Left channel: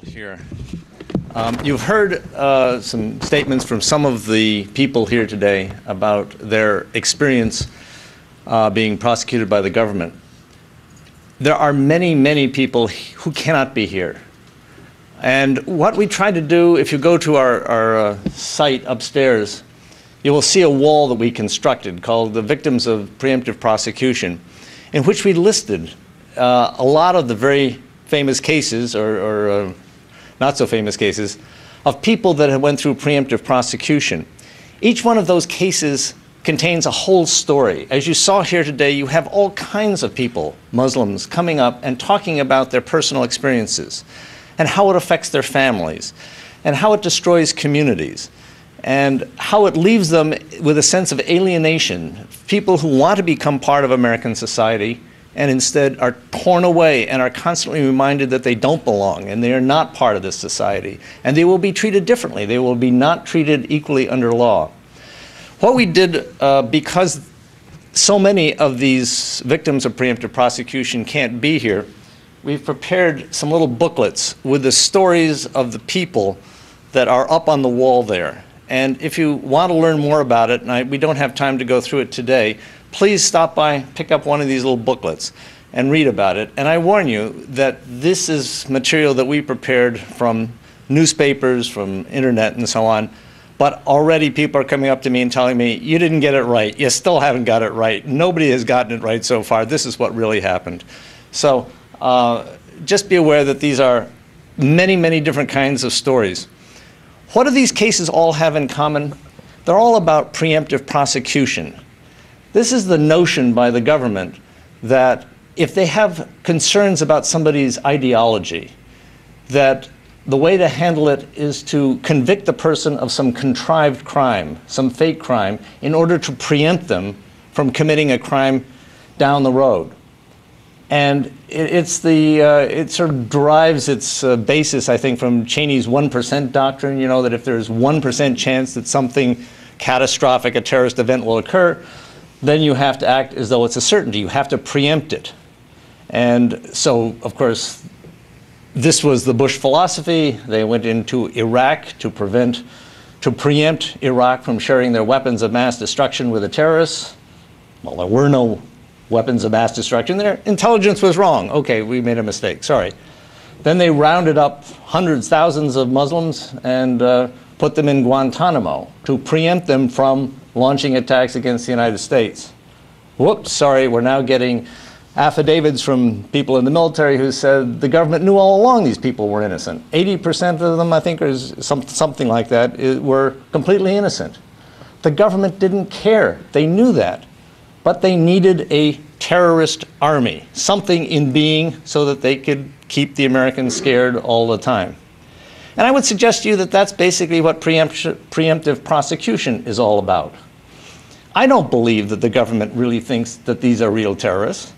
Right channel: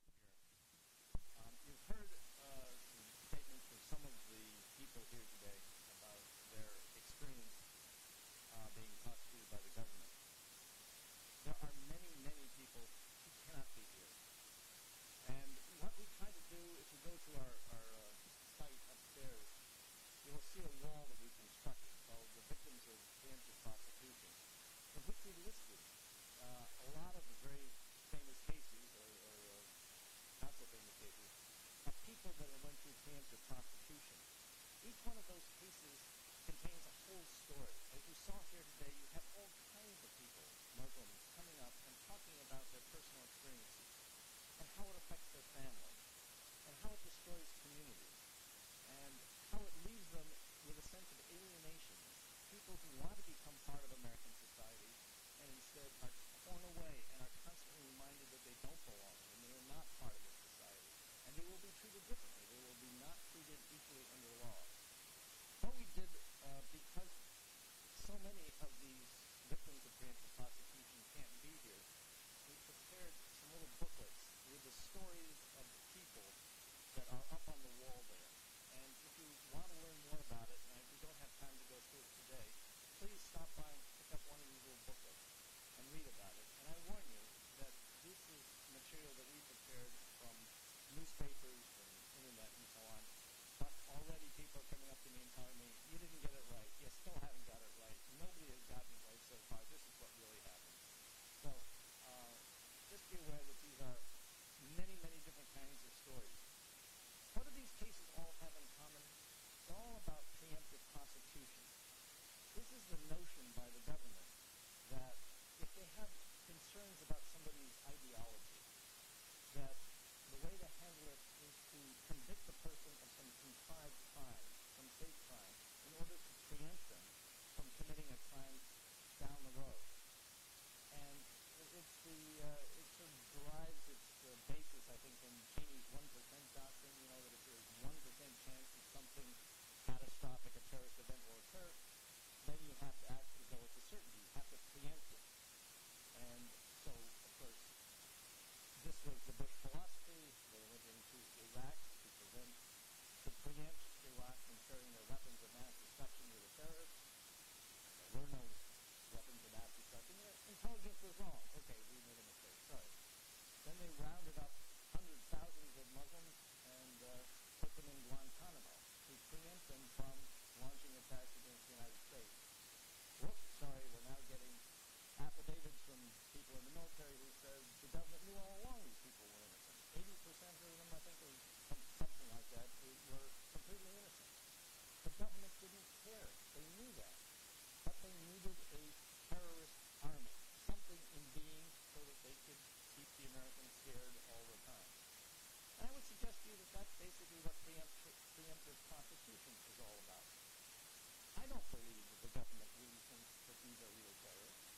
panel here. You've heard some statements from some of the people here today about their experience being prosecuted by the government. There are many, many people who cannot be here. And what we try to do, if you go to our site upstairs, you will see a wall that we constructed called the Victims of Preemptive Prosecution, in which we listed a lot of the very famous cases, or not so famous cases, of people that have went through preemptive prosecution. Each one of those cases contains a whole story. As you saw here today, you have all kinds of people, Muslims, coming up and talking about their personal experiences and how it affects their families and how it destroys communities and how it leaves them with a sense of alienation, people who want to become part of American society and instead are torn away and are constantly reminded that they don't belong and they are not part of this society. And they will be treated differently. They will be not treated equally under law. What we did, because so many of these victims of preemptive prosecution can't be here, we've prepared some little booklets with the stories of the people that are up on the wall there. And if you want to learn more about it, and we don't have time to go through it today, please stop by, pick up one of these little booklets and read about it. And I warn you that this is material that we prepared from newspapers, from internet and so on. But already people are coming up to me and telling me, you didn't get it right. You still haven't got it right. Nobody has gotten it right so far. This is what really happened. So just be aware that these are many, many different kinds of stories. What do these cases all have in common? They're all about preemptive prosecution. This is the notion by the government that if they have concerns about somebody's ideology, that the way to handle it is to convict the person of some contrived crime, some fake crime, in order to preempt them from committing a crime down the road. And it sort of derives its basis, I think, from Cheney's 1% doctrine, you know, that if there's 1% chance that something catastrophic, a terrorist event will occur, then you have to act as though it's a certainty. You have to preempt it. And so, of course, this was the Bush philosophy. They went into Iraq to preempt Iraq from sharing their weapons of mass destruction with the terrorists. Well, there were no weapons of mass destruction. Their intelligence was wrong. Okay, we made a mistake, sorry. Then they rounded up hundreds, thousands of Muslims and put them in Guantanamo to preempt them from launching attacks against the United States. Whoops, sorry, we're now getting affidavits from people in the military who said the government knew all along these people were innocent. 80% of them, I think, or something like that, were completely innocent. The government didn't care. They knew that. But they needed a terrorist army, something in being so that they could keep the Americans scared all the time. And I would suggest to you that that's basically what preemptive prosecution is all about. I don't believe that the government really thinks that these are real terrorists.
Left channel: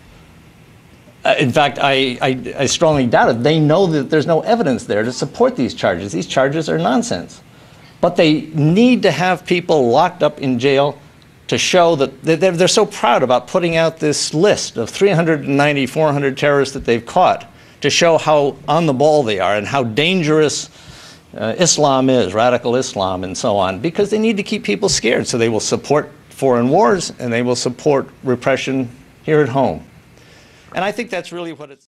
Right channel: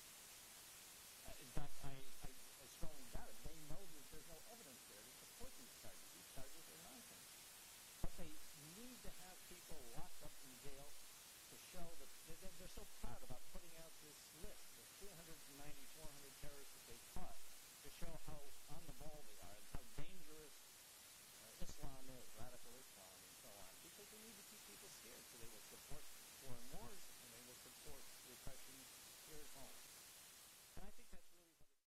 In fact, I strongly doubt it. They know that there's no evidence there to support these charges. These charges are nonsense. But they need to have people locked up in jail to show that they're so proud about putting out this list of 390, 400 terrorists that they've caught to show how on the ball they are and how dangerous Islam is, radical Islam and so on, because they need to keep people scared. So they will support foreign wars and they will support repression here at home. And I think that's really what it's